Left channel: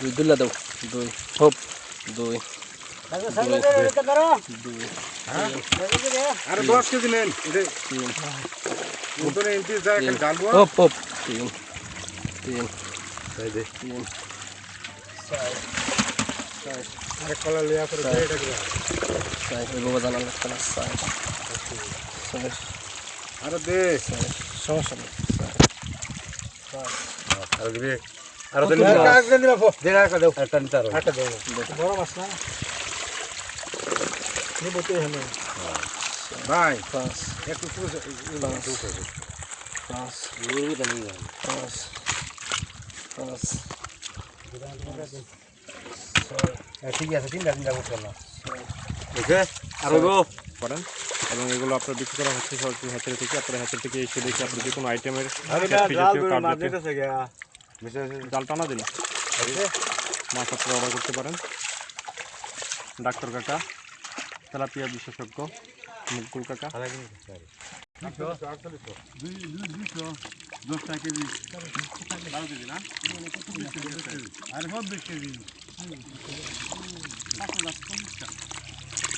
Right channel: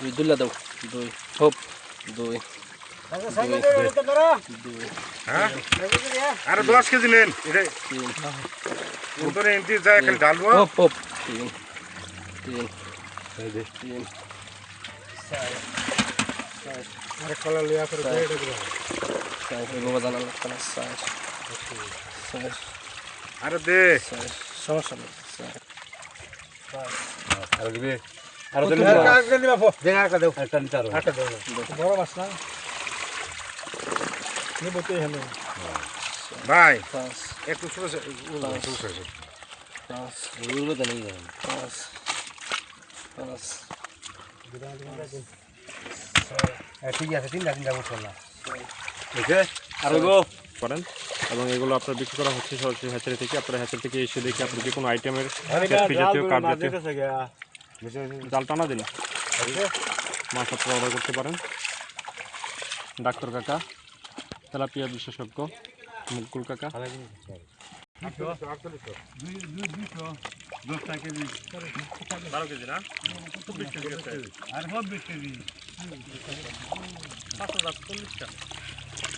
দুই দুলা দাও দুই হোপ দুই আরে 10 কেজি নেন উপরে এন্টি যায় এখন ঢালবো হোপ হোপ তিন তিন এই দে তিন আরে কলা লিয়া করে দে এটা করে এই বাবা জানা লাগতো না আরে দে সমস্যা নেই আরে দিবে আরে দিলে কাজ করে দিবা ফো দে আর দাও একটা নিতে আর একটা দাও বড় মাছ না নি বলতে হলো ভাই পাঁচ একটু ছোট ছোট পাঁচ এইগুলো তো নেই পাঁচ পাঁচ ঠিক আছে তিনটা করছো না ওকে আরে গো করেন এবং এগুলো আপনার বিক্রি করা হচ্ছে সরাসরি হ্যাচারি থেকে। আপনার হ্যাচারি থেকে এসে দেখে আপনি যে কোনো আইটেমের জাল টানা দিন মাছ অর্ডার করতে পারেন। ডাক্তার কাকা, তেলাপিয়া বিশেষজ্ঞ, মুকুল কাকা, 10 কেজি 12 কেজি না 5,040 টাকা।